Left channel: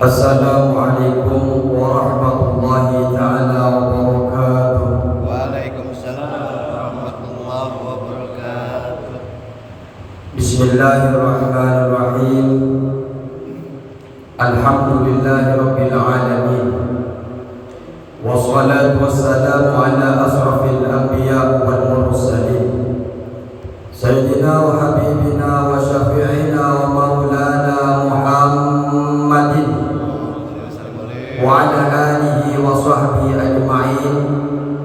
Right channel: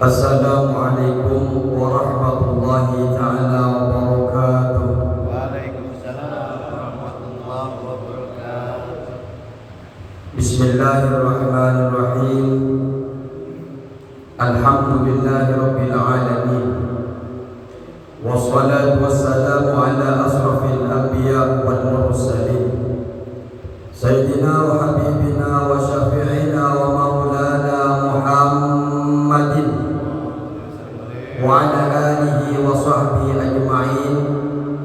Assalamualaikum warahmatullahi taala wabarakatuh. Waalaikumsalam warahmatullahi wabarakatuh. Bismillahirrahmanirrahim. Alhamdulillahirabbil alamin. Wassalatu wassalamu ala asrafil anbiya wal mursalin. Sayyidina wa habibina wa syafi'ina wa maulana Muhammadin wa ala alihi wa sahbihi ajma'in.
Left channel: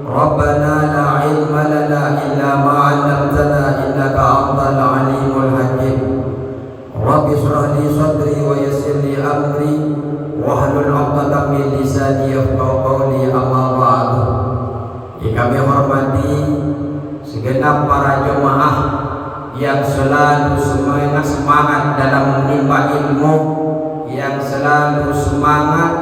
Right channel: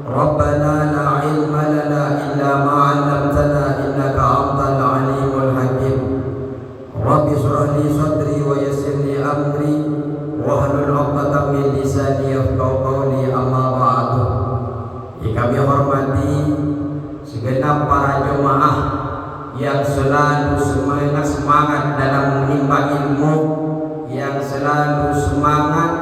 Rabbana la ilma lana illa ma 'allamtana innaka antal alimul hakim. Rabbi shrah li sadri wa yassir li amri wahlul 'uqdatam min lisani yafqahu qawli, amma ba'du. Yang kami hormati segenap para jemaah yang selalu semangat dalam menimba ilmu, yang selalu semangat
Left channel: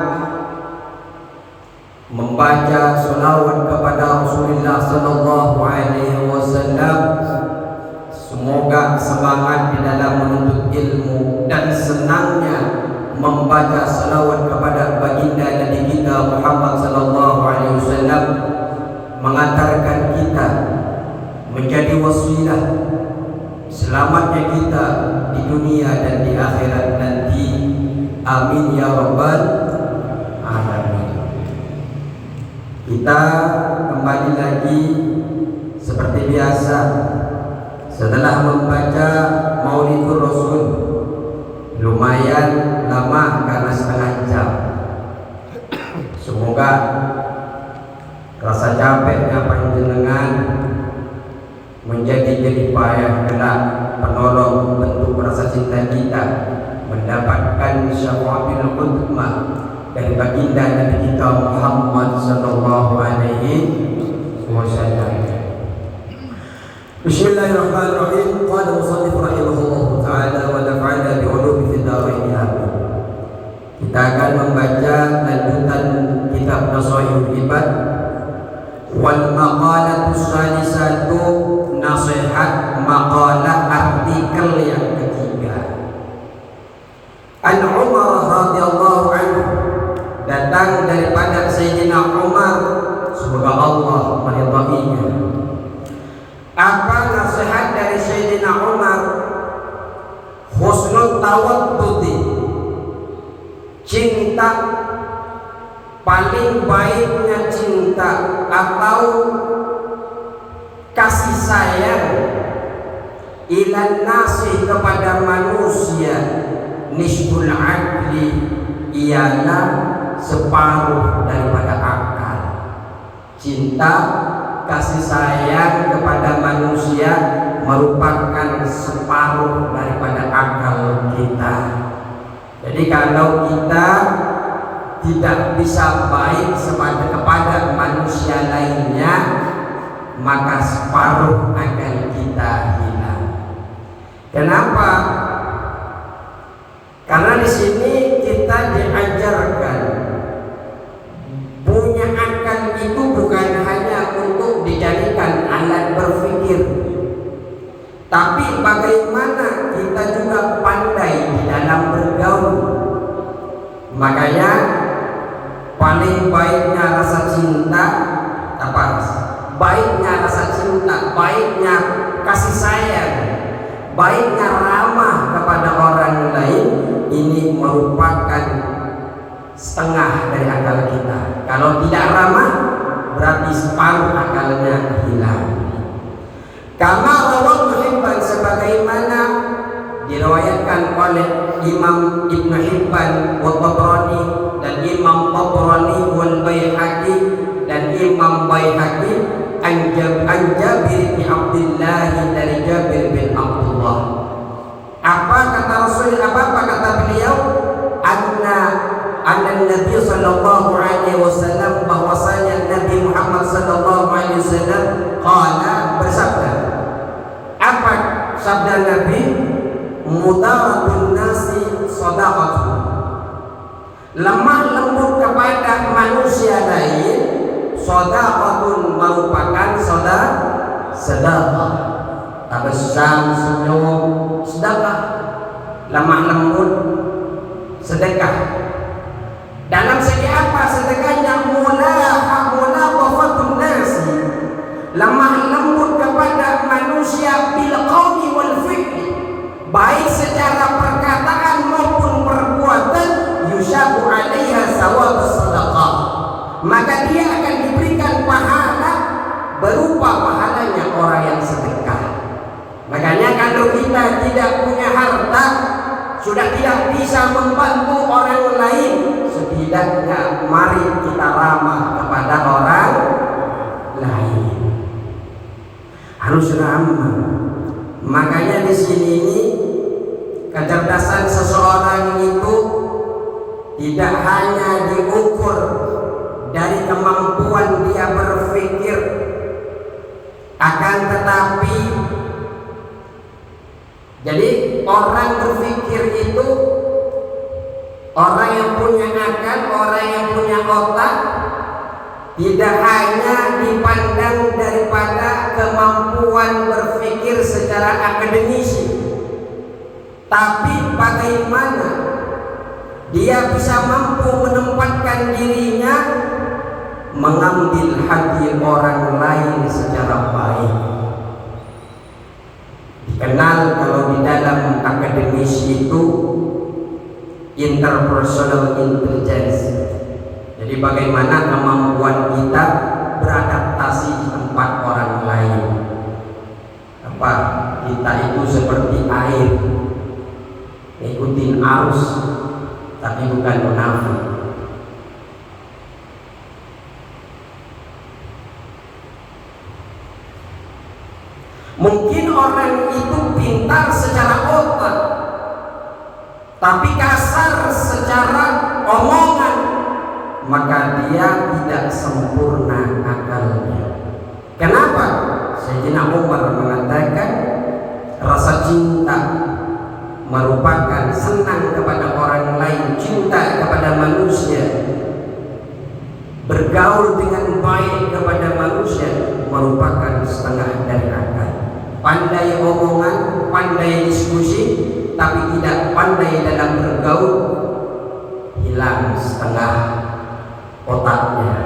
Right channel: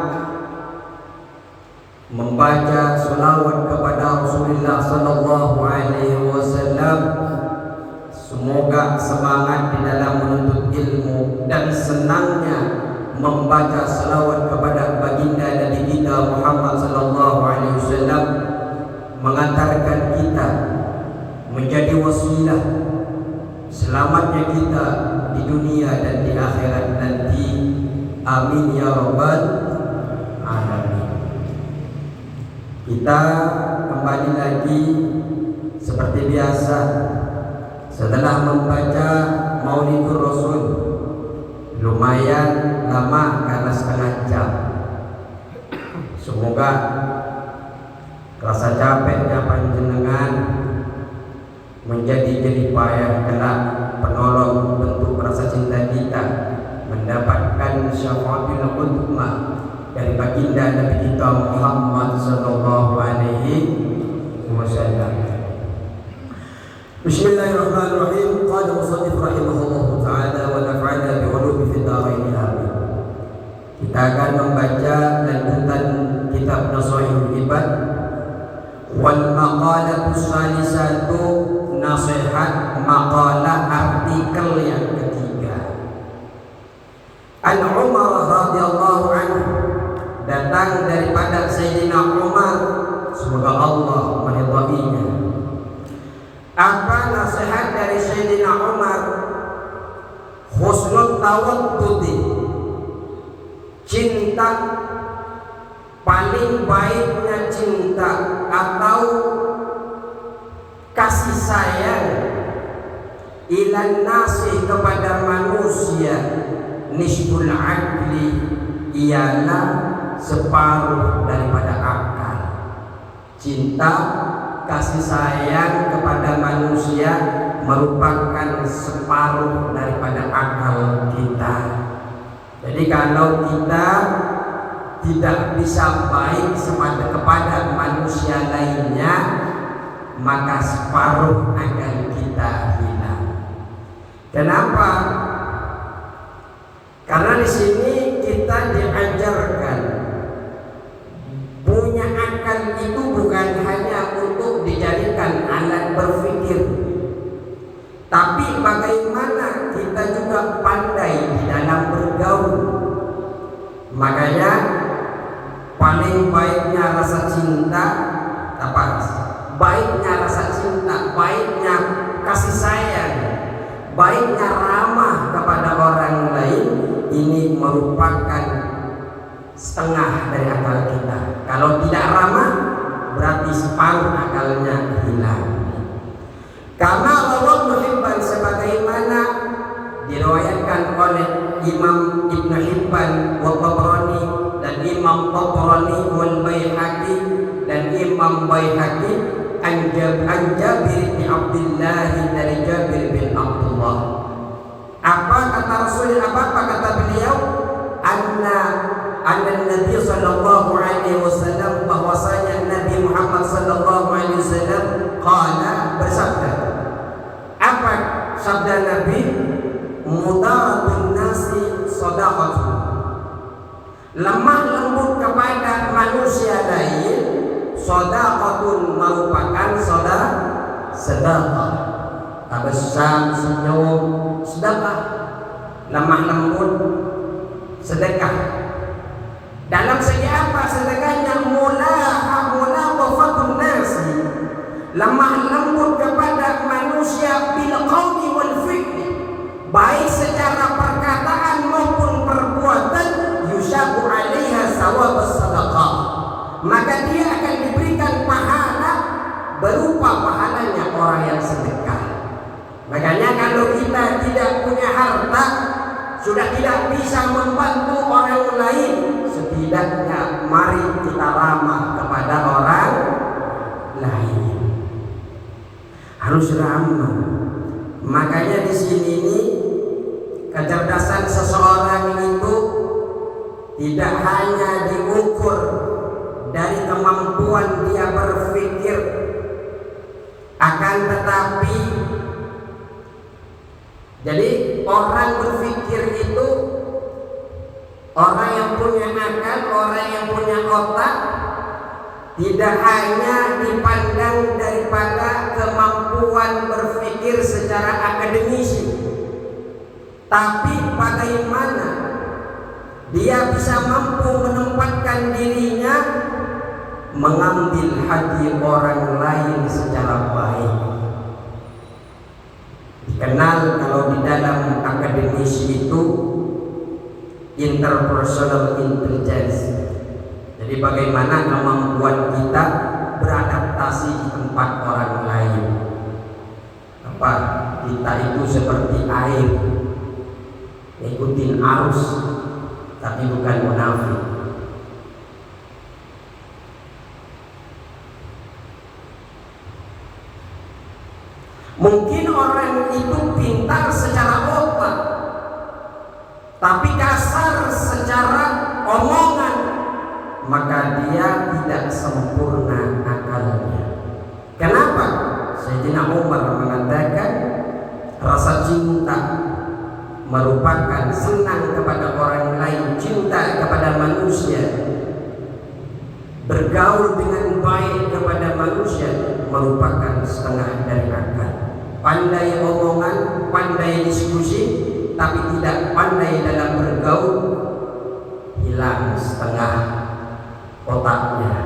membaca sholawat kepada Rasulullah sallallahu alaihi wasallam. Semoga semangat di dalam menuntut ilmu dan senangnya membaca sholawat kepada baginda Nabi kita Muhammad sallallahu alaihi wasallam mengantarkan kita menjadi wasilah selamatnya kita di dunia dan di akhirat nanti. Amin ya rabbal alamin. Kita kembali lagi seperti biasa setelah membaca Maulidur Rasul. Lumayan lama karena setengah jam. Semoga rasa capeknya panjenengan menjadi jeripayah kelak penolong bentuk rasa cinta kita mendapatkan syafaatul uzma dari baginda Nabi kita Muhammad sallallahu alaihi wasallam. Bismillahirrahmanirrahim. Qala musannif rahimahullahu taala wa nafa'ana bi ulumi fid dharain amin. Kita akan membaca lanjutan kitab Nasaihul Ibad wal maqalatus salisatu, nasihat maqalah artikel yang ketiga. An Umar radhiyallahu anhu, datang daripada Sayyidina Umar, semoga Allah meridainya. Apa nasihat dari Sayyidina Umar? Husnul tawadduti, cinta, paling baiknya cinta atau kasih sayang ilan nasi kepada manusia, nisbul adli, ialah separuh daripada akal. Cinta, kasih sayang kepada manusia merupakan separuh daripada akal kita. Jadi kalau kita tidak bisa baik kepada manusia lainnya, maka separuh akal kita hilang. Kenapa? Karena di sini kita diajarkan punya akal itu bukan hanya untuk dijadikan alat berpikir, tapi bagaimana kita juga pandai di dalam bergaul. Makanya paling baiknya rasa cinta, baiknya rasa cinta, baiknya kasih sayang, baiknya ramah kepada orang lain, ini merupakan setengah dari akal kita. Kalau tidak ramah, berarti separuh akalnya hilang. Kama rawahu Hibban, sebagaimana diriwayatkan oleh Imam Ibnu Hibban wa Tabrani dan Imam Tabrani wal Baihaqi dan Imam Baihaqi an Jabir bin Abdullah, dari Jabir bin Abdullah. Apa kata Rasul? Apa kata beliau? Anna Nabi sallallahu alaihi wasallam, bahwasanya Nabi Muhammad sallallahu alaihi wasallam qala, bersabda. Apa sabda Nabi? Mudaratun nasi sadaqah, lemah lembut kepada manusia lain, sadaqatun, merupakan sedekah. Abesam, senyum, sedekah. Lemah lembut, sedekah. tidak punya harta, sudah tidak bisa membantu orang lain, setidaknya mari kita ramah kepada orang lain. Harus ramah. Makanya di sini ini kecerdasan seseorang itu tidak hanya diukur dari kemampuan dia berpikir, akan tetapi jadi orang berpikir itu orang yang punya akal, orang yang punya otak, tidak hanya dipandang daripada kemampuan berpikir secara akademisi, tapi bagaimana dia bisa mampu menempatkan dirinya mengambil hati orang lain secara baik. Dikenal kalau di dalam akademisi itu interpersonal intelligence. Jadi bagaimana kemampuan kita beradaptasi di tempat orang lain. Apa kita itu seperti air, ikutin arus tapi bukan munafik. Mungkin orang itu pintar secara otak, tapi kasar secara omongan, maka dia tidak sempurna akalnya. Kenapa? Sayyidina Umar mengatakan rasa cinta merupakan senang kepada orang lain, cinta kepada manusia, bergaul dengan baik kepada manusia merupakan setengah dari akal. Pandai omongan, pandai diskusi, tapi tidak pandai dalam bergaul, hilang setengah otaknya,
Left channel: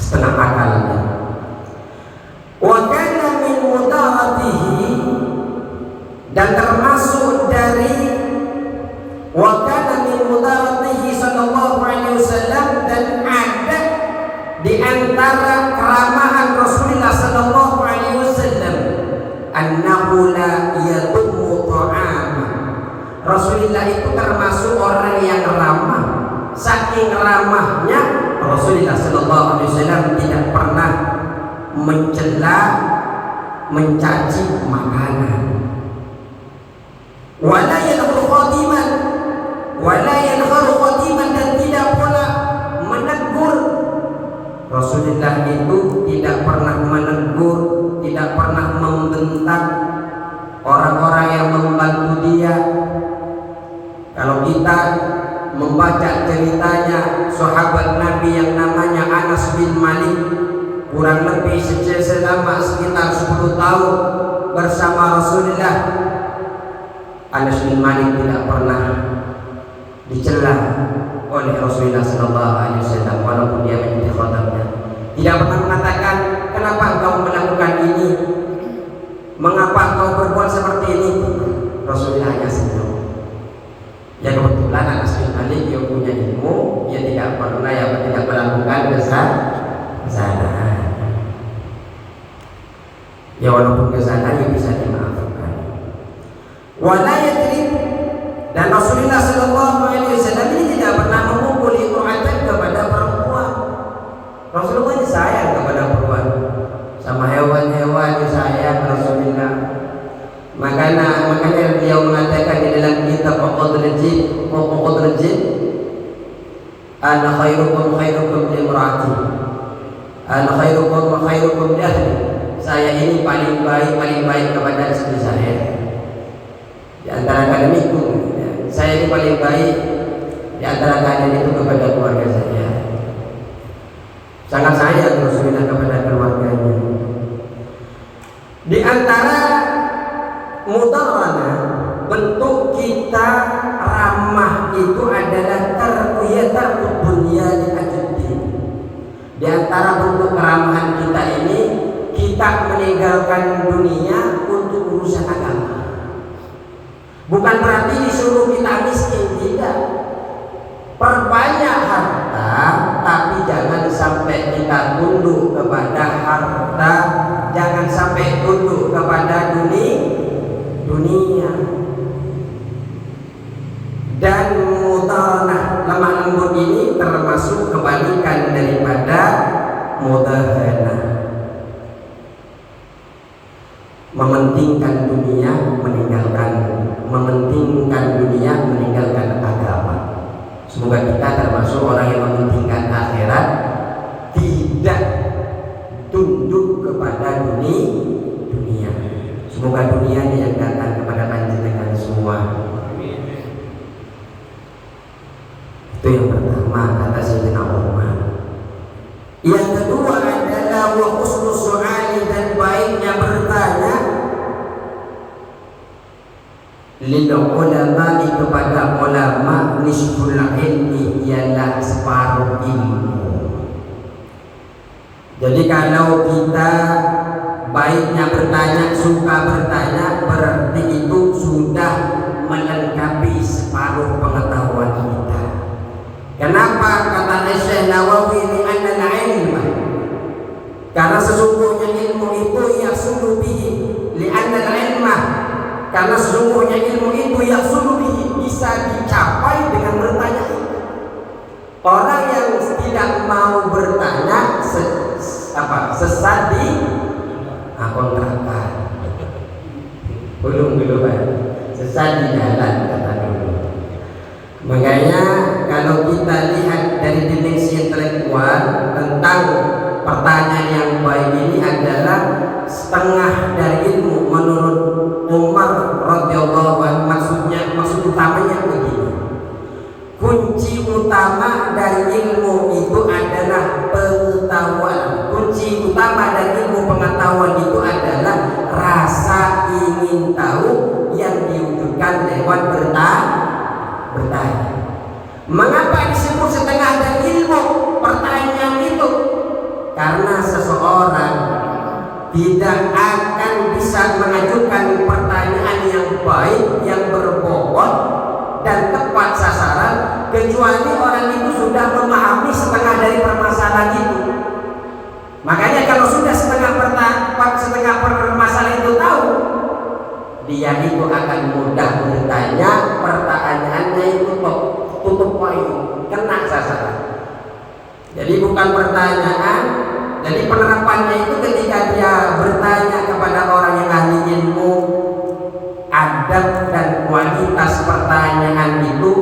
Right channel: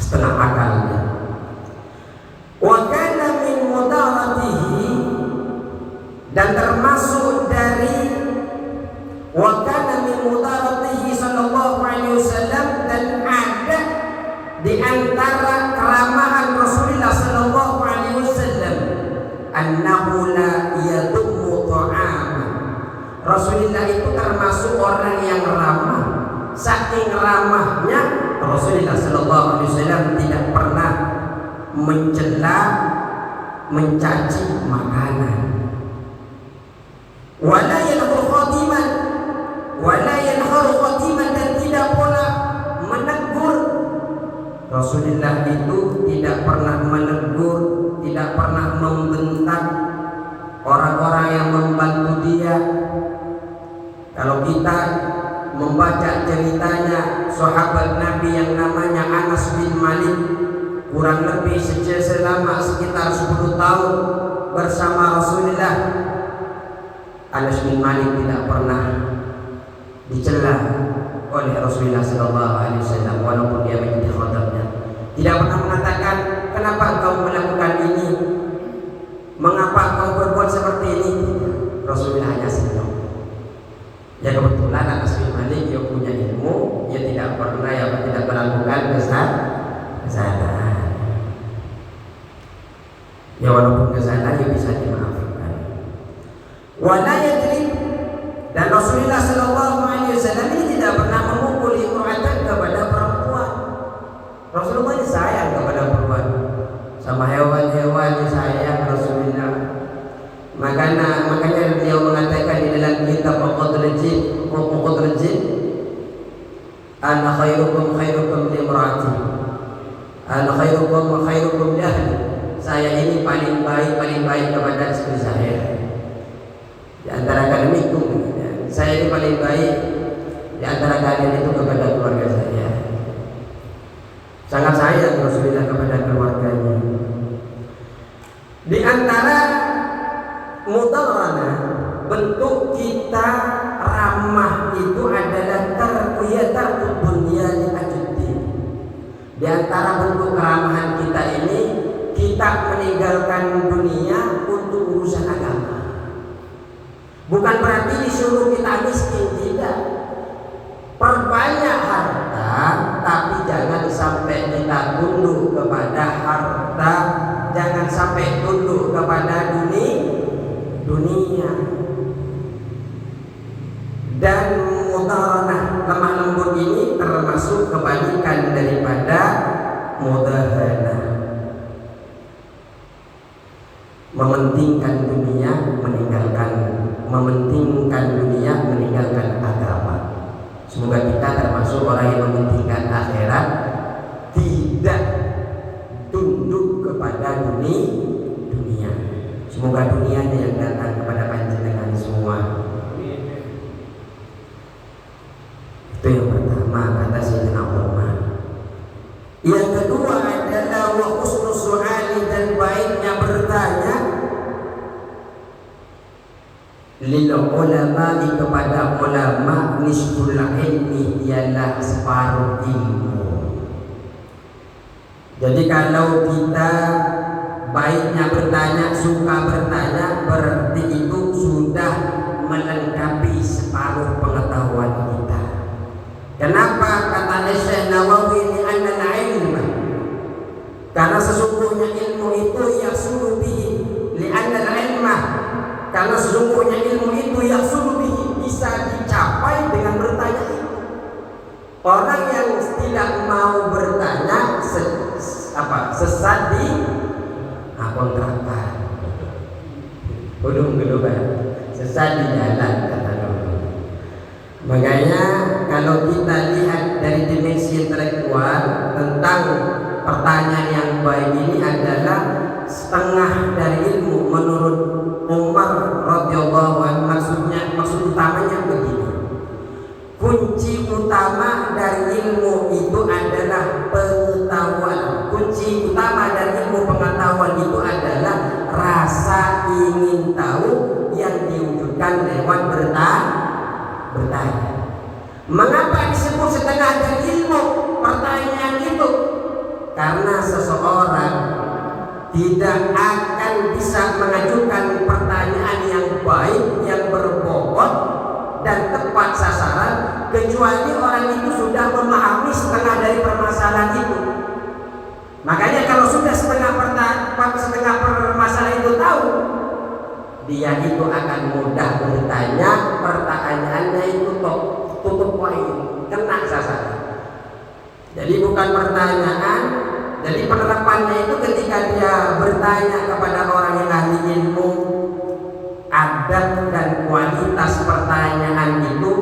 setengah akalnya. Wa kana min mudaratihi, dan termasuk dari wa kana min mudaratihi sallallahu alaihi wasallam, dan ada di antara keramahan Rasulullah sallallahu alaihi wasallam annahu la yadummu ta'ama. Rasulullah itu termasuk orang yang ramah. Saking ramahnya Rasulullah sallallahu alaihi wasallam tidak pernah mencela, mencaci makanan. Wala yanharu khatiman, wala yanharu khatiman, dan tidak pula menegur. Rasulullah itu tidak pernah menegur, tidak pernah membentak orang-orang yang membantu dia. Kalau kita membaca ceritanya sahabat Nabi yang namanya Anas bin Malik, kurang lebih selama sekitar 10 tahun bersama Rasulullah, Anas bin Malik tidak pernah dicela oleh Rasulullah SAW walaupun dia menjadi khatamnya. Tidak pernah mengatakan, kenapa kau melakukan ini, mengapa kau berbuat seperti ini. Rasulullah hanya senyum. Ya kebetulan Anas bin Malik yang punya ilmu, dia tidak pernah tidak melakukan kesalahan. Ya walaupun kesalahan dia bisa dimaafkan. Wala yadrib, dan Rasulullah sallallahu alaihi wasallam ini tidak pernah memukul imra'atan kepada perempuan. Rasulullah ini sayang kepada perempuan, sama hewan-hewan sayang Rasulullah. Makanya beliau mengatakan di dalam kitab Al-Qadrajid, ana khairukum khairukum li imra'ati, ana khairukum khairukum li ahli. Saya ini paling baik kepada istri saya. Di antara kalian itu, saya ini paling baik di antara kalian itu kepada keluarga saya. Sangat sayang Rasulullah kepada keluarganya. Di antara mudarana bentuk kita ramah itu adalah terbiatan dunia di ajuddin. Di antara bentuk keramahan kita ini, kita meninggalkan dunia untuk urusan agama. Bukan berarti disuruh kita miskin, tidak. Perbanyak harta, tapi jangan sampai kita tunduk kepada harta, jangan sampai tunduk kepada dunia. dunia. Dan mudahanah, lemah lembut ini termasuk kebalikan daripada mudahanah. Mementingkan dunia, mementingkan dunia, meninggalkan agama. Semoga kita termasuk orang yang mementingkan akhirat, tidak tunduk kepada dunia. Semoga dunianya yang datang kepada panjenengan semua. Itu yang pertama, kata Sayyidina Umar. Yang kedua adalah wa husnul su'ali, dan baiknya bertanya lil ulama, kepada ulama, nisful ilmi, ialah separuh ilmu. Jadi kalau kita baiknya bertanya, suka bertanya, berarti itu sudah melengkapi separuh pengetahuan kita. Kenapa? Kata Syekh Nawawi, li'anna al-ilma, karena sesungguhnya ilmu itu yahsulu bihi, li'anna al-ilma, karena sesungguhnya ilmu itu yahsulu bihi, bisa dicapai dengan bertanya. Orang yang tidak mau bertanya sesat di kontrakan, belum kan, sesat di jalan. Makanya kalau kita lihat dari dimensi intelektual tentang pertanyaan yang baik ini adalah setengah dari ilmu menurut Umar radhiyallahu anhu. Maksud utamanya begini, kunci utama dari ilmu itu adalah pengetahuan. Kunci utama dari ilmu pengetahuan itu adalah rasa ingin tahu yang diwujudkan lewat bertanya. Mengapa disebut setengah dari ilmu pertanyaan itu? Karena seseorang tidak akan bisa mengajukan pertanyaan yang baik, yang berbobot dan tepat sasaran, kecuali orang itu sudah memahami setengah dari permasalahan itu. Makanya kalau sudah setengah permasalahan itu tahu, dia itu akan mudah bertanya, pertanyaannya itu tutup poin, kena sasaran. Jadi bukan pertanyaan, jadi penerapannya itu ketika dia bertanya kepada orang yang ahli ilmu, adab dan kualitas pertanyaan itu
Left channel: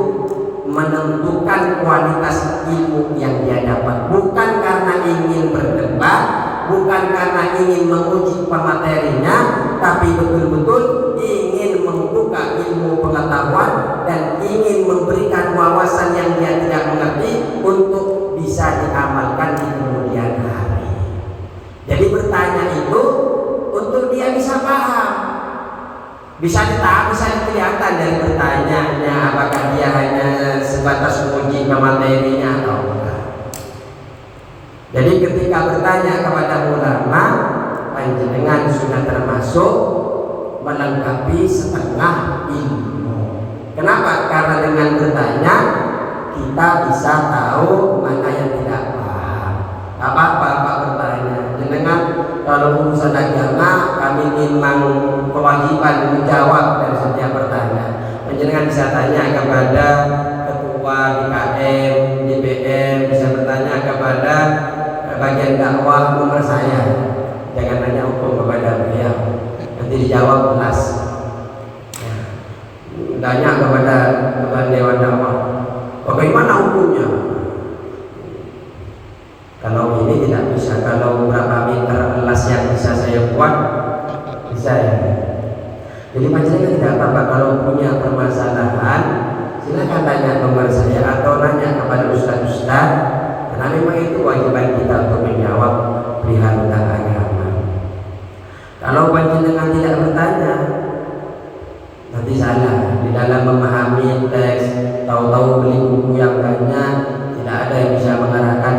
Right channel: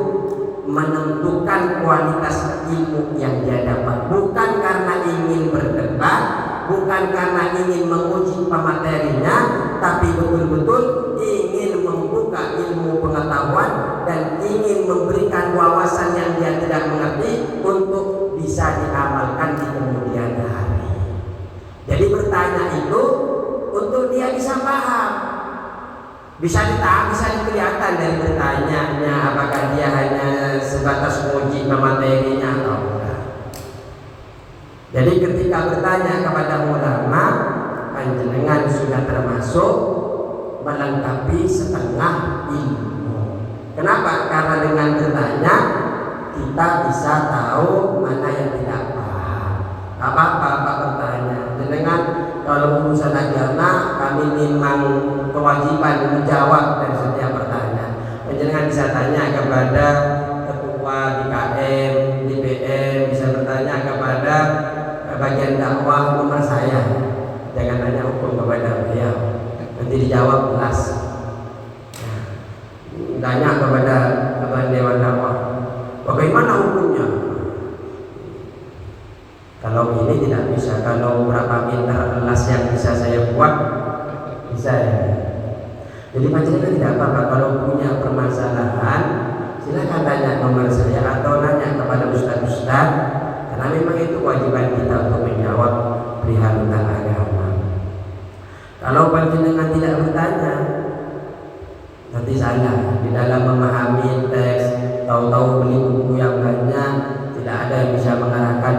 menentukan kualitas ilmu yang dia dapat. Bukan karena ingin berdebat, bukan karena ingin menguji pematerinya, tapi betul-betul ingin membuka ilmu pengetahuan dan ingin memberikan wawasan yang dia tidak mengerti untuk bisa diamalkan di kemudian hari. Jadi bertanya itu untuk dia bisa paham, bisa kelihatan dari bertanyanya apakah dia hanya sebatas menguji pematerinya atau bukan. Jadi ketika bertanya kepada ulama, panjenengan sudah termasuk melengkapi setengah ilmu. Kenapa? Karena dengan bertanya kita bisa tahu mana yang tidak paham. Apa bertanya. Jenengan kalau urusan agama, kami memang kewajiban menjawab dari setiap pertanyaan. Jenengan bisa tanya kepada ketua BKM, DPM, bisa bertanya kepada bagian dakwah nomor saya. Jangan tanya hukum kepada beliau, nanti dijawab jelas. Tanya kepada dewan dakwah, bagaimana hukumnya? Kalau ini tidak bisa, kalau berapa meter elas yang bisa saya buat, bisa ya. Jadi panjenengan tidak apa-apa kalau punya permasalahan, silakan tanya nomor saya atau tanya kepada ustaz-ustaz, karena memang itu kewajiban kita untuk menjawab perihal tentang agama. Kalau panjenengan tidak bertanya, nanti salah di dalam memahami teks, tahu-tahu beli buku yang banyak, tidak ada yang bisa mengarahkan.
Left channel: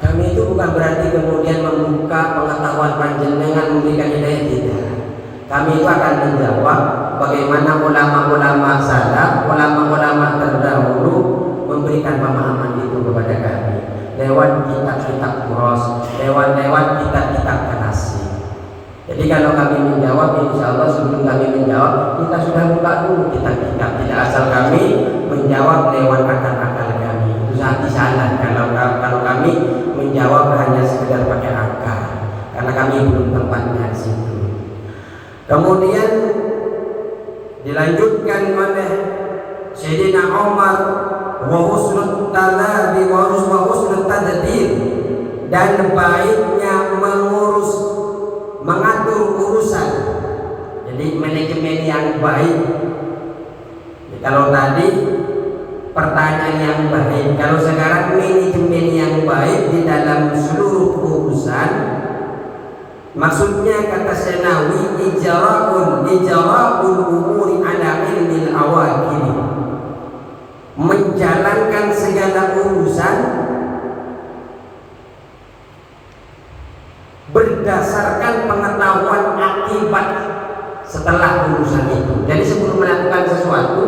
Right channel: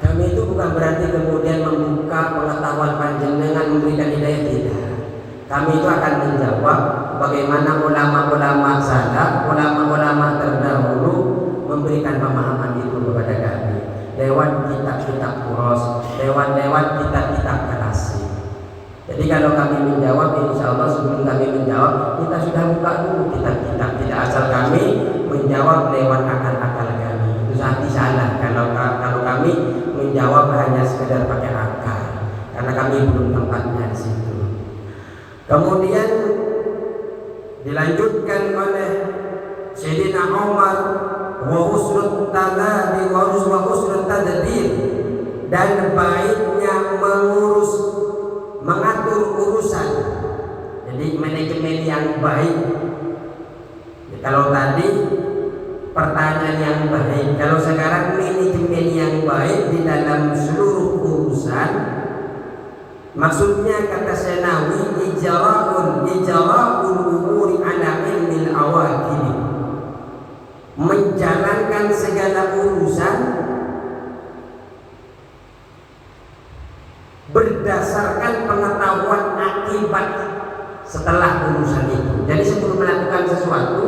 Kami itu bukan berarti kemudian membuka pengetahuan panjenengan, memberikan hidayah, tidak. Kami itu akan menjawab bagaimana ulama-ulama salaf, ulama-ulama terdahulu memberikan pemahaman itu kepada kami lewat kitab-kitab kuros, lewat kitab-kitab klasik. Jadi kalau kami menjawab, insya Allah sebelum kami menjawab kita sudah buka dulu kitab-kitab, tidak asal kami menjawab lewat akal-akal kami. Itu sangat salah kalau kami menjawab hanya sekedar pakai akal, karena kami belum tempatnya di situ. Kemudian dilanjutkan oleh Sayyidina Umar, wa husnul taladi wa husnul tadbir, dan baiknya mengurus, mengatur urusan. Jadi manajemen yang baik. Kalau tadi pertanyaan yang baik, kalau sekarang manajemen yang baik di dalam seluruh urusan. Maksudnya kata Senawi, ijra'ul umuri ala ilmil awakil, menjalankan segala urusan berdasarkan pengetahuan akibat setelah urusan itu. Jadi sebelum melakukan sesuatu,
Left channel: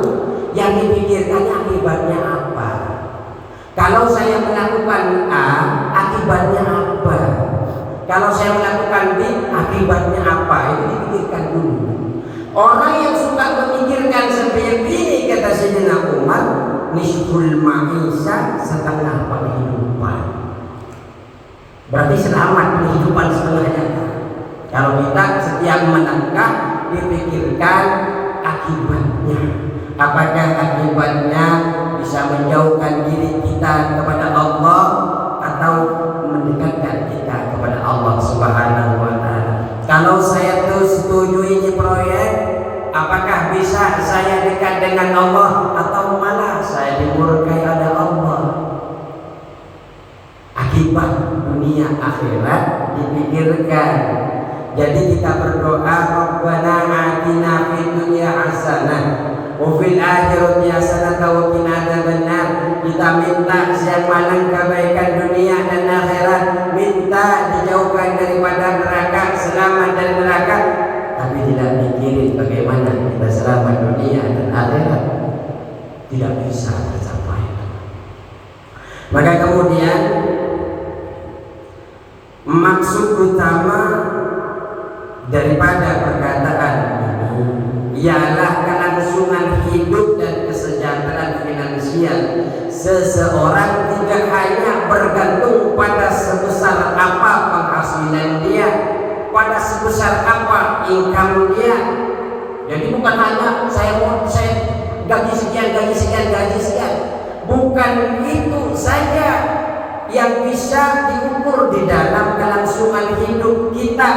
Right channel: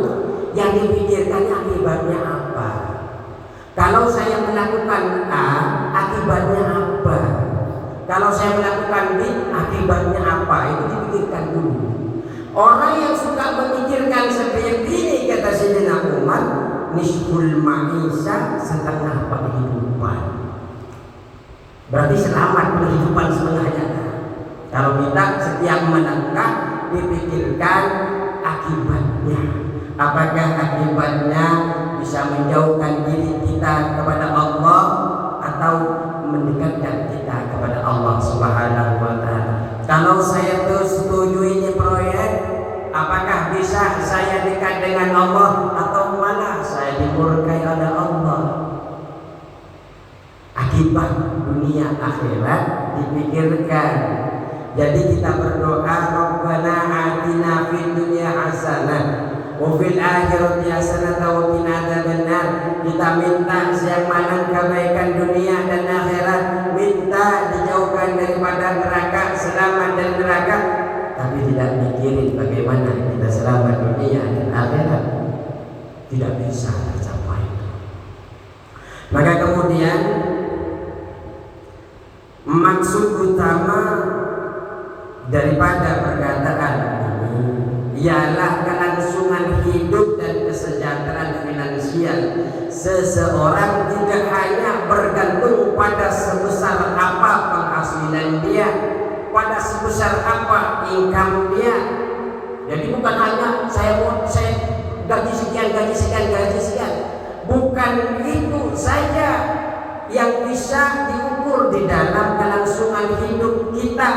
yang dipikirkannya akibatnya apa. Kalau saya melakukan A, akibatnya apa? Kalau saya melakukan B, akibatnya apa? Itu dipikirkan dulu. Orang yang suka memikirkan seperti ini, kata Sayyidina Umar, nisful ma'isha, setengah kehidupan. Berarti selamat kehidupan setengahnya. Kalau kita setiap melangkah dipikirkan akibatnya. Apakah akibatnya bisa menjauhkan diri kita kepada Allah atau mendekatkan kita kepada Allah Subhanahu wa taala. Kalau saya setuju ini proyek, apakah bisa saya dekat dengan Allah atau malah saya dimurkai oleh Allah? Akibat dunia akhirat dipikirkan. Jadi kita berdoa, Rabbana atina fid dunya hasanah wa fil akhirati hasanah wa qina adzabannar. Kita minta yang mana kebaikan dunia dan akhirat, minta dijauhkan daripada neraka, selamat dari neraka, tapi tidak mikirin bagaimana kita selamat dunia dan akhirat, tidak bisa tercapai. Maka kemudian maksud utama daripada perkataan ini ialah kelangsungan hidup dan kesejahteraan finansial seseorang tidak hanya bergantung pada sebesar apa penghasilan dia, pada sebesar apa income dia. Jadi bukan hanya saya gaji sekian, bukan itu saja yang bisa diukur di dalam kelangsungan hidup kita,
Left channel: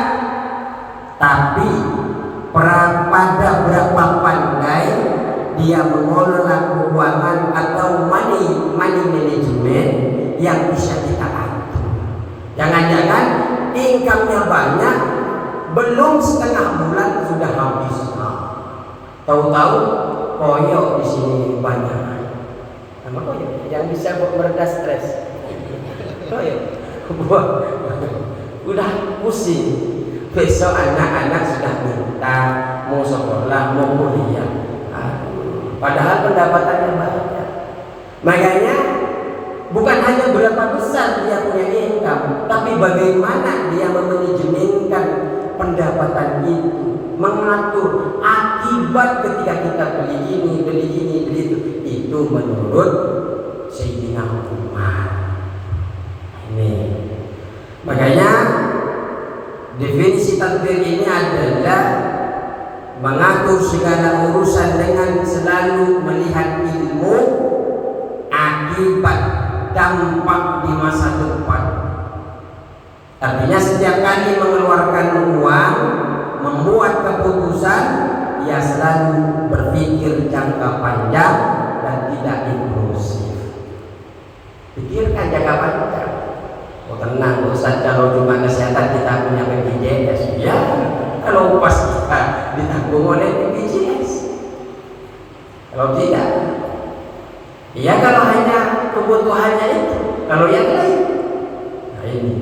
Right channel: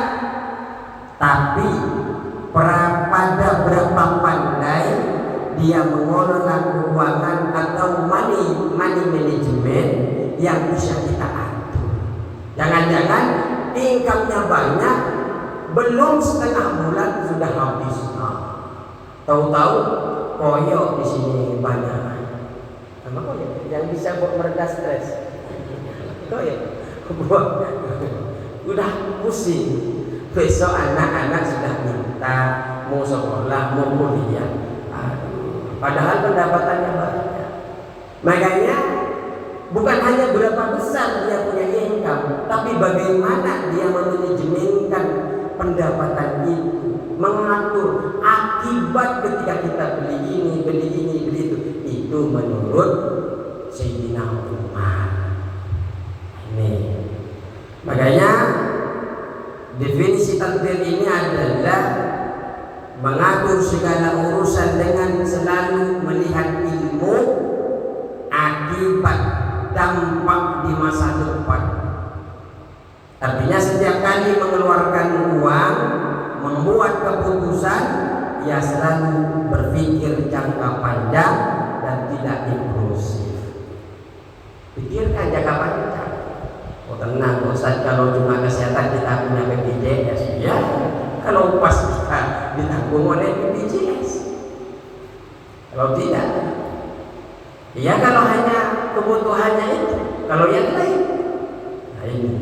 tapi pada berapa pandai dia mengelola keuangan atau money management yang bisa kita atur. Jangan-jangan income-nya banyak, belum setengah bulan sudah habis. Tahu-tahu koyok di sini banyak. Apa koyok? Yang bisa meredah stres. Koyok. Udah pusing. Besok anak-anak sudah minta mau sekolah, mau kuliah. Padahal pendapatannya banyak. Makanya bukan hanya berapa besar dia punya income, tapi bagaimana dia memanajemenkan pendapatan itu, mengatur akibat ketika kita beli ini, beli itu. Itu menurut Sayyidina Umar. Ini. Makanya definisi takdir ini adalah mengatur segala urusan dengan selalu melihat ilmu, akibat, dampak di masa depan. Artinya setiap kali mengeluarkan uang, membuat keputusan, ia selalu berpikir jangka panjang dan tidak impulsif. Pikirkan jangka panjang. Oh tenang Ustaz, kalau cuma kesehatan kita punya BPJS, ya. Kalau pas kita ditanggung oleh BPJS, kalau tidak, ya kalau hanya kebutuhannya itu, kalau yang lain, nah ini.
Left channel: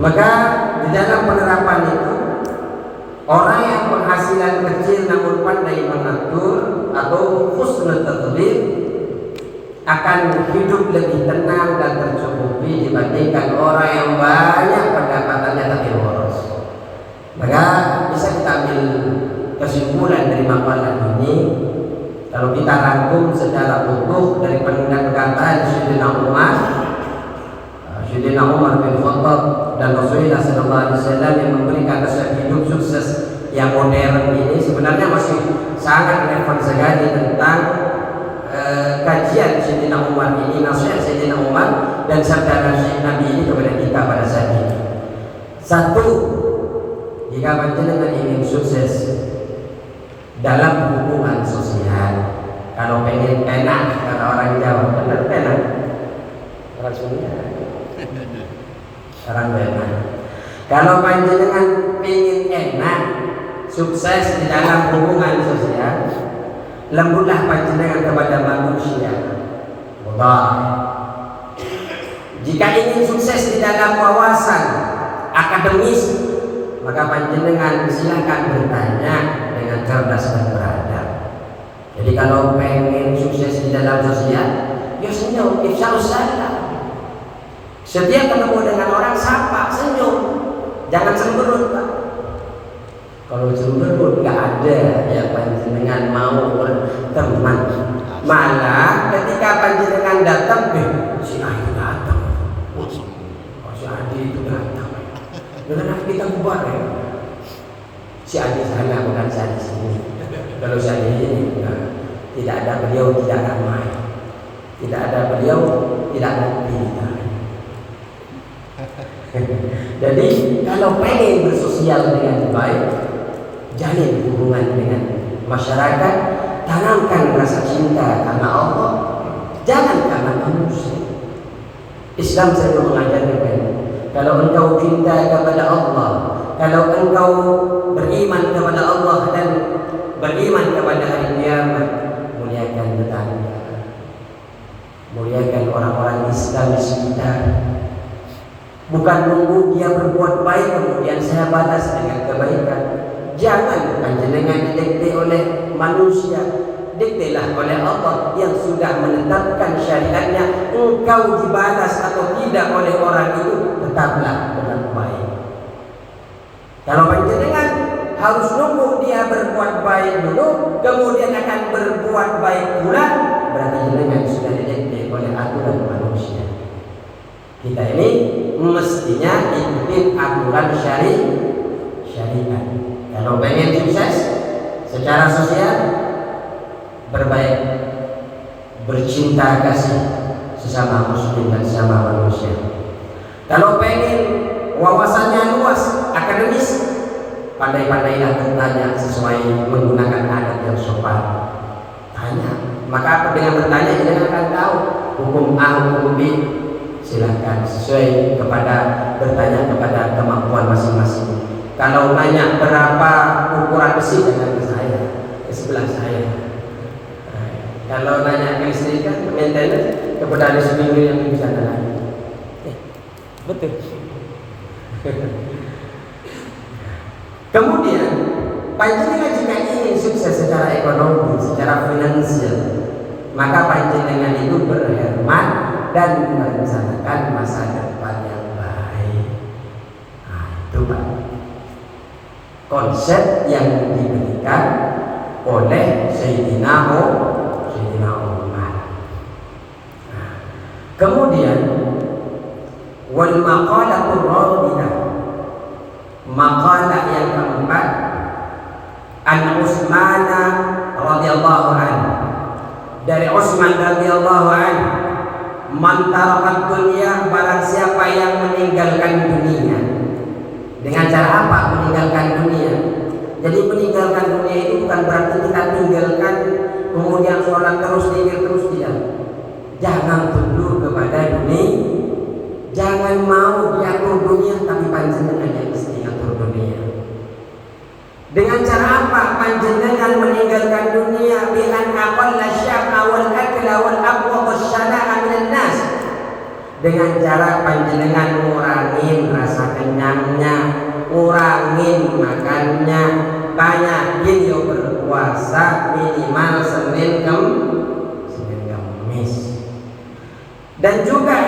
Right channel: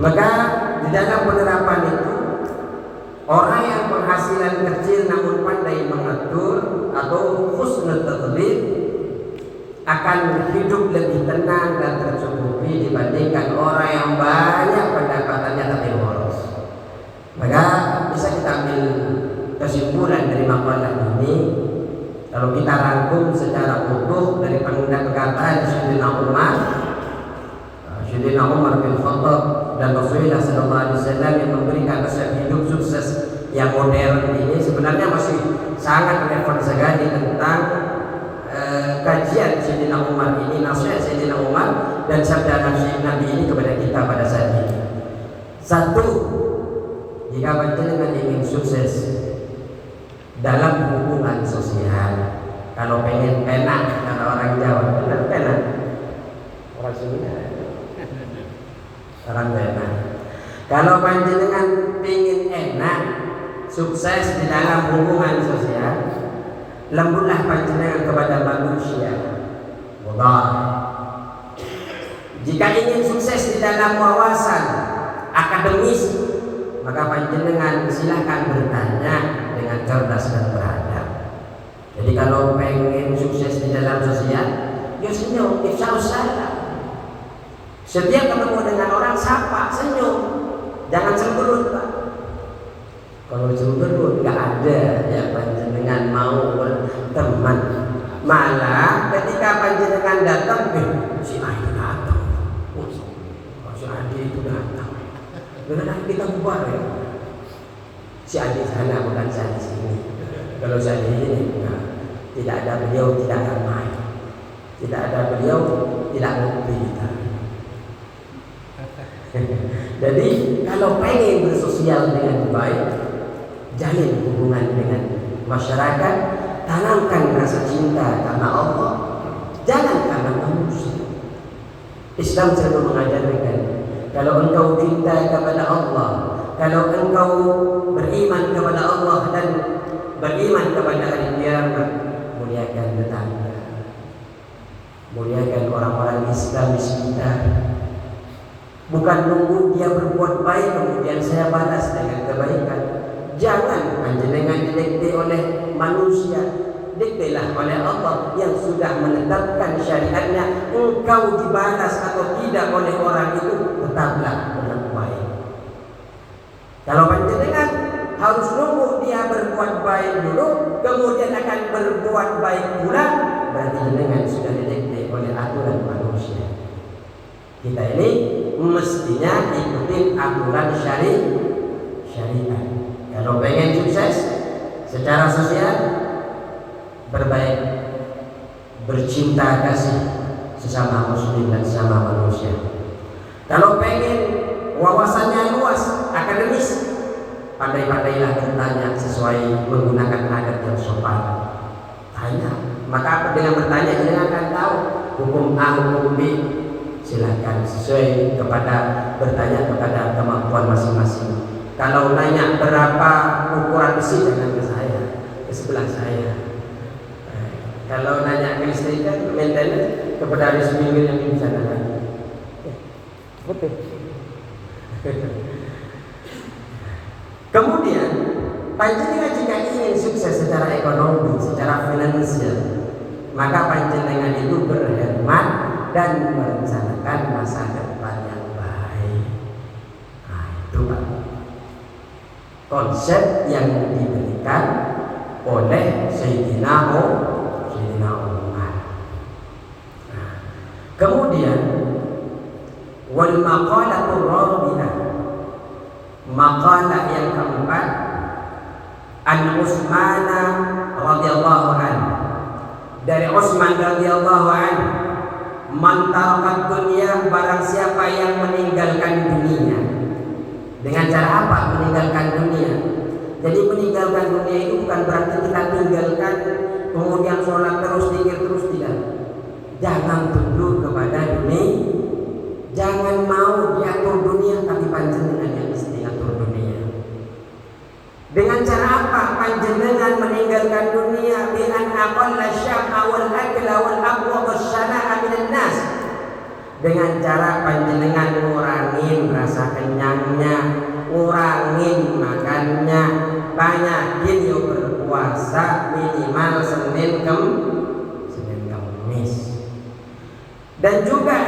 Maka di dalam penerapan itu, orang yang penghasilan kecil namun pandai mengatur atau husnul tadbir akan hidup lebih tenang dan tercukupi dibandingkan orang yang banyak pendapatannya tapi boros. Maka bisa kita ambil kesimpulan dari makalah ini, kalau kita rangkum secara utuh dari perkataan Sayyidina Umar bin Khattab dan Rasulullah SAW yang memberikan resep hidup sukses yang modern ini, sebenarnya masih sangat relevan sekali tentang kajian Sayyidina Umar ini, nasihat Sayyidina Umar dan sabda Nabi ini kepada kita pada saat ini. Satu, jika panjenengan ingin sukses dalam hubungan sosial, kalau pengen penak, kalau orang Jawa benar penak, orang Sunda orang penak. Kalau panjenengan ingin enak, sukses di dalam hubungan sosial, lembutlah panjenengan kepada manusia. Allah. Jika ingin sukses di dalam wawasan akademis, maka panjenengan silahkan bertanya dengan cerdas dan beradab. Jadi kalau pengen sukses di dalam sosial, ya senyum, ifsal salam. Setiap ketemu dengan orang sapa, senyum, jangan cemberut, Pak. Kalau cemberut nggak ada ya panjenengan mau berteman. Malah ketika panjenengan datang, si Adi datang, si Adi itu datang. Dengan kita bubar ya. Si Adi sana bukan si Adi sini. Kalau si Adi ini tidak ada beliau tidak ramai. Tidak ada beliau tidak ngopi. Jadi kalau pengen bersosial dengan baik, jalin hubungan dengan masyarakat, tanamkan rasa cinta karena Allah, jangan karena manusia. Islam selalu mengajarkan, kalau engkau cinta kepada Allah, kalau engkau beriman kepada Allah dan beriman kepada hari kiamat, muliakan tetangga, muliakan orang-orang Islam di sekitar. Bukan nunggu dia berbuat baik kemudian saya balas dengan kebaikan. Jangan panjenengan didikte oleh manusia, diktelah oleh Allah yang sudah menetapkan syariatnya. Engkau dibalas atau tidak oleh orang itu, tetaplah berbuat baik. Kalau panjenengan harus nunggu dia berbuat baik dulu, kemudian akan berbuat baik pula, berarti jenengan sudah didikte oleh aturan manusia. Kita ini mestinya ikutin aturan syariat. Kalau pengen sukses secara sosial, berbaik, bercinta kasih sesama muslim dan sesama manusia. Kalau pengen wawasannya luas, akademis, pandai-pandailah bertanya sesuai menggunakan adab yang sopan. Tanya, maka apa dengan bertanya jangan akan tahu hukum A, hukum B. Silahkan sesuai kepada bertanya kepada kemampuan masing-masing. Kalau nanya berapa ukuran besi, jangan ke saya, ke sebelah saya. Kalau nanya ke listrikan, maintenance kepada di sepinggir yang di sana lagi. Betul. Kemudian panjenengan jika ingin sukses secara ekonomi, secara finansial, maka panjenengan itu berhemat dan merencanakan masa depan yang baik. Nah, itu Pak, konsep yang diberikan oleh Sayyidina Umar. Nah, kemudian wal maqalatul rabi'ah, maqalah yang keempat, an Utsman radhiyallahu anhu, dari Utsman radhiyallahu anhu, man tarakat dunia, barang siapa yang meninggalkan dunia. Dengan cara apa meninggalkan dunia? Jadi meninggalkan dunia itu bukan berarti kita tinggalkan kemudian sholat terus, zikir terus, tidak. Jangan tunduk kepada dunia, jangan mau diatur dunia, tapi panjenengan yang mesti atur dunia. Dengan cara apa panjenengan meninggalkan dunia? Bi'an aqalla syaqqa wal akla wal aqwa wasyana'a minan nas. Dengan cara panjenengan ngurangin rasa kenyangnya, ngurangin makannya, banyakin yo berpuasa minimal Senin Kamis. Dan juga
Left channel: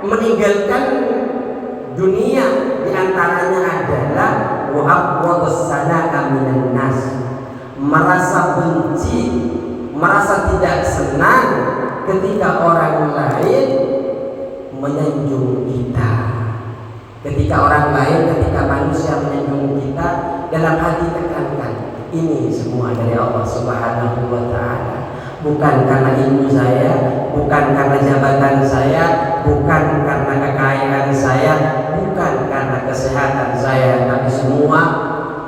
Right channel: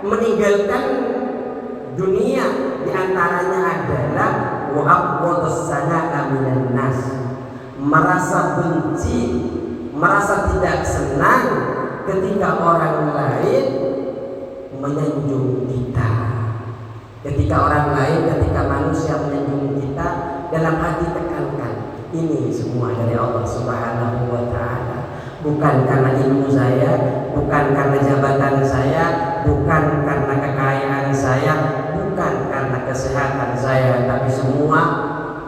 meninggalkan dunia diantaranya adalah wa abghadus sana'a minan nas, merasa benci, merasa tidak senang ketika orang lain menyanjung kita. Ketika orang lain, ketika manusia menyanjung kita, dalam hati tekankan, ini semua dari Allah Subhanahu wa ta'ala. Bukan karena ilmu saya, bukan karena jabatan saya, bukan karena kekayaan saya, bukan karena kesehatan saya, tapi semua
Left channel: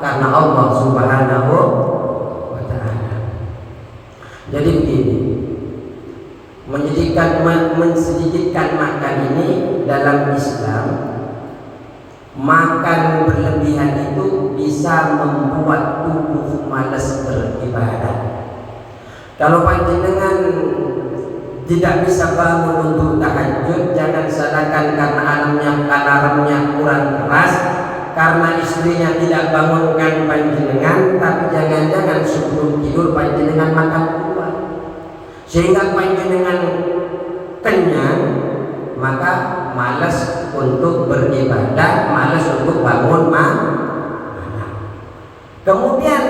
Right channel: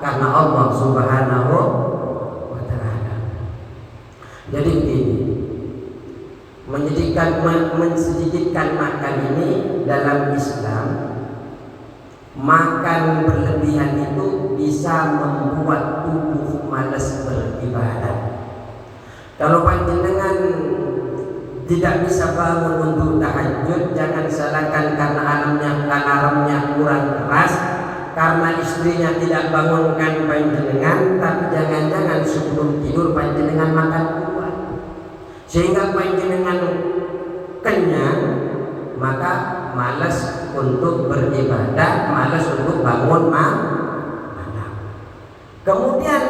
karena Allah Subhanahu wa ta'ala. Jadi begini, mensedikitkan makan ini dalam Islam, makan berlebihan itu bisa membuat tubuh malas beribadah. Kalau panjenengan tidak bisa bangun untuk tahajud, jangan salahkan karena alarmnya kurang keras, karena istrinya tidak bangunkan panjenengan, tapi jangan-jangan sebelum tidur panjenengan makan duluan, sehingga panjenengan kenyang, maka malas untuk beribadah, malas untuk bangun malam. Kemudian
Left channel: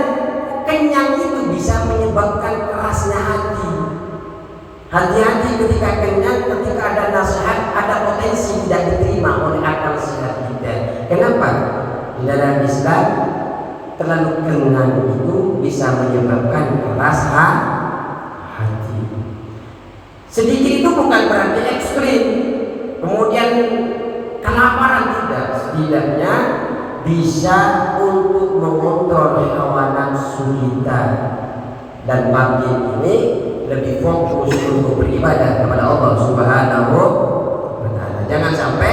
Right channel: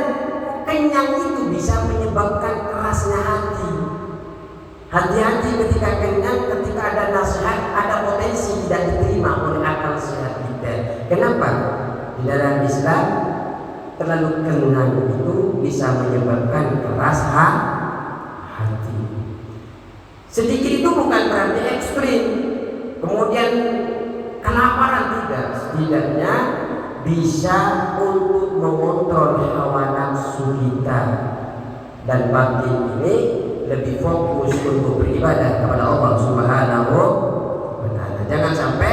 kenyang itu bisa menyebabkan kerasnya hati. Hati-hati ketika kenyang, ketika ada nasihat, ada potensi tidak diterima oleh akal sehat kita. Kenapa? Di dalam Islam terlalu kenyang itu bisa menyebabkan keras hati. Sedikit itu bukan berarti ekstrim. Kemudian kelaparan tidak, setidaknya bisa untuk mengontrol hawa nafsu kita, dan bagi ini lebih fokus untuk beribadah kepada Allah Subhanahu wa ta'ala. Jangan sampai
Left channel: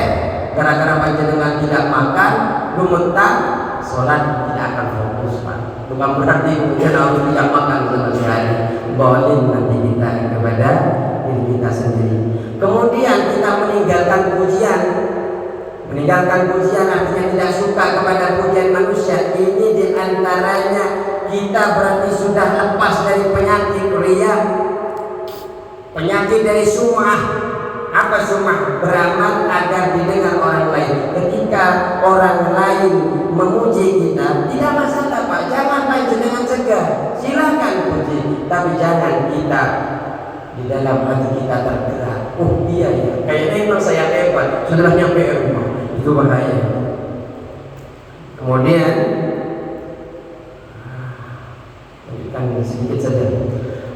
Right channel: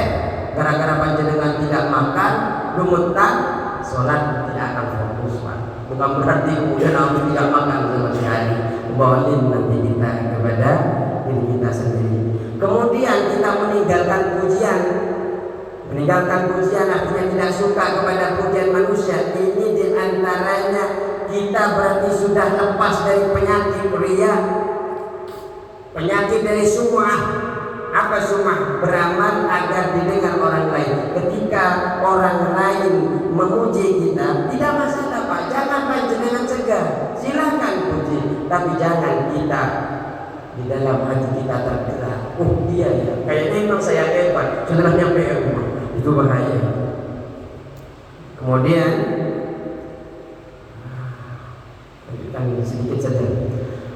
gara-gara panjenengan tidak makan, gemetar, sholat tidak akan fokus, Pak. Bukan berarti kemudian harus tidak makan sama sekali. Zalim nanti kita kepada diri kita sendiri. Kemudian kita meninggalkan pujian. Meninggalkan pujian artinya tidak suka kepada pujian manusia. Ini diantaranya kita berarti sudah lepas dari penyakit riya, penyakit dari sum'ah. Apa sum'ah? Beramal agar didengar orang lain. Ketika orang lain memuji kita, tidak masalah, Pak. Jangan panjenengan cegah, silakan puji, tapi jangan kita di dalam hati kita tergerak. Oh iya ya, kayaknya memang saya hebat, sudah nyampe rumah. Itu bahaya. Kemudian lanjutkan sedikit saja.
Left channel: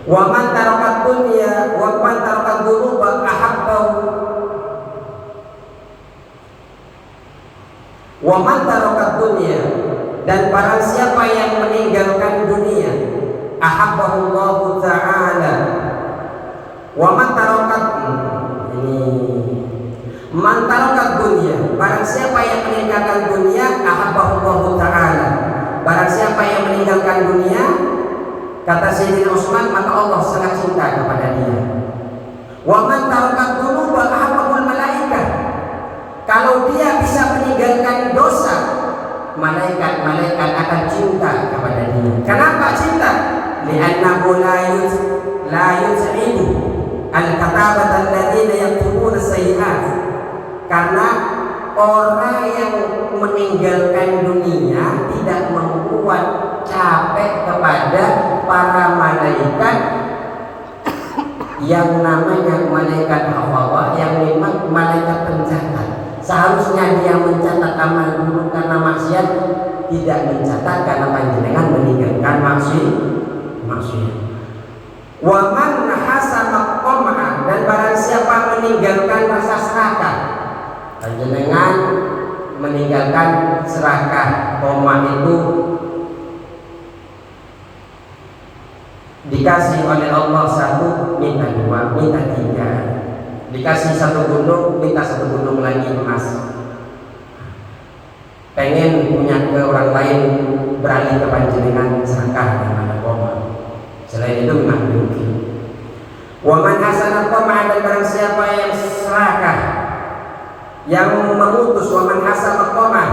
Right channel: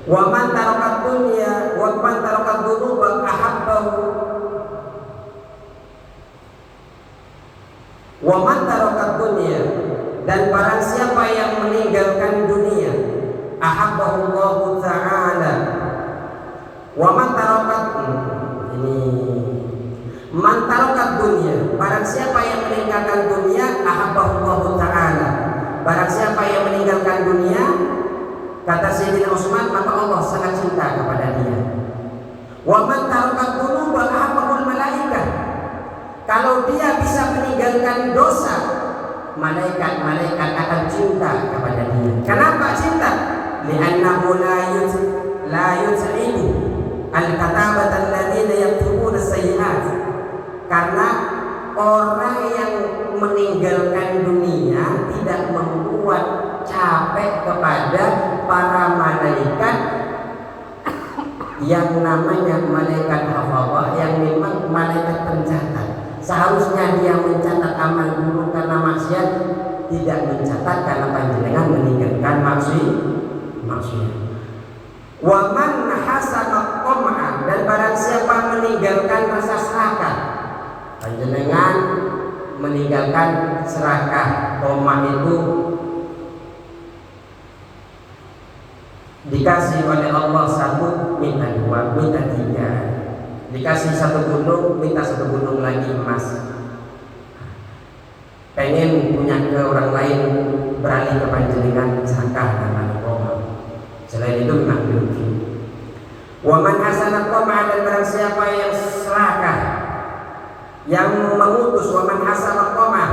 Wa man tarakat dunya wa man tarakat dhunuba ahabbahu. Wa man tarakat dunya, dan barang siapa yang meninggalkan dunia, ahabbahu Allah Ta'ala. Wa man tarakat, ini man tarakat dunya, barang siapa yang meninggalkan dunia, ahabbahu Allah Ta'ala. Barang siapa yang meninggalkan dunia, kata Sayyidina Utsman, maka Allah sangat cinta kepada dia. Wa man tarakat dhunuba ahabbul malaikah. Kalau dia bisa meninggalkan dosa, malaikat-malaikat akan cinta kepada dia. Kenapa cinta? Li'annahu la yus'idu al-katabat alladziina yaktubuna sayyi'at. Karena orang yang meninggalkan dunia tidak membuat capek kepada para malaikat yang namanya malaikat Allah, yang memang malaikat pencatat. Seharusnya dia mencatat amal buruk karena maksiat, tidak mencatat karena panjenengan meninggalkan maksiat. Wa man hasama qam'a, dan barang siapa meninggalkan rasa serakah. Panjenengan meninggalkan serakah. Qam'a itu dikasih oleh Allah satu, minta dua, minta tiga. Dikasih satu gunung, minta satu gunung lagi emas. Pengen punya ke orang lain, beralih ke panjenengan serakah dengan qam'a. Selain itu memang demikian. Wa man hasana qam'a, dan barang siapa yang serakah, yang mengutus, wa man hasana qam'a,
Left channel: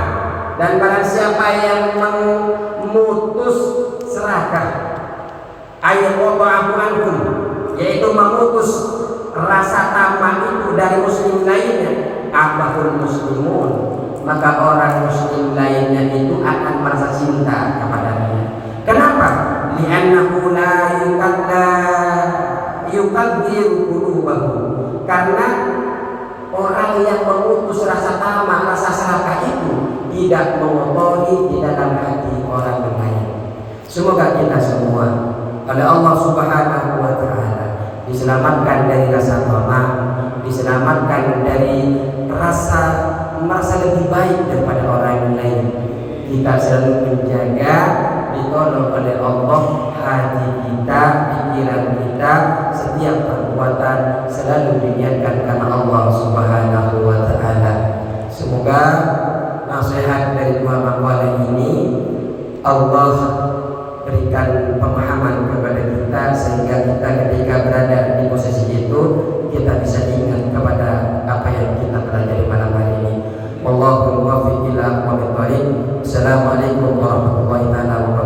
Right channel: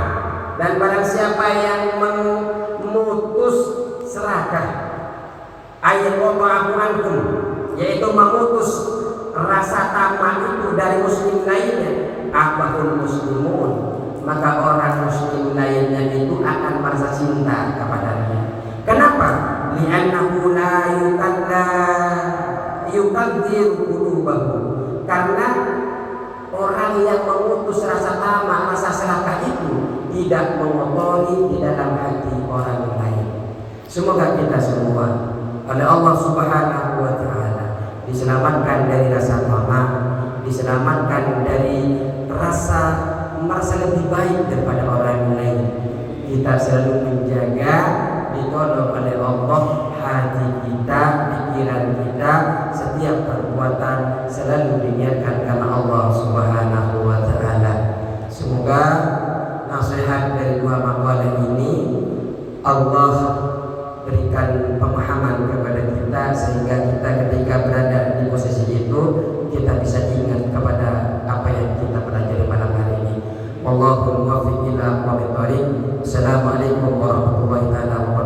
dan barang siapa yang memutus serakah, ayyubahu ankum, yaitu memutus rasa tamak itu dari muslim lainnya, abahul muslimun, maka orang muslim lainnya itu akan merasa cinta kepadanya. Kenapa? Li'annahu la yukadzir qulubahu. Karena orang yang memutus rasa tamak, rasa serakah itu tidak mengotori di dalam hati orang lain. Semoga kita semua oleh Allah Subhanahu wa taala diselamatkan dari rasa tamak, diselamatkan dari rasa merasa lebih baik daripada orang lain. Kita selalu menjaga, ditolong oleh Allah hati kita, pikiran kita, setiap perbuatan selalu diniatkan karena Allah Subhanahu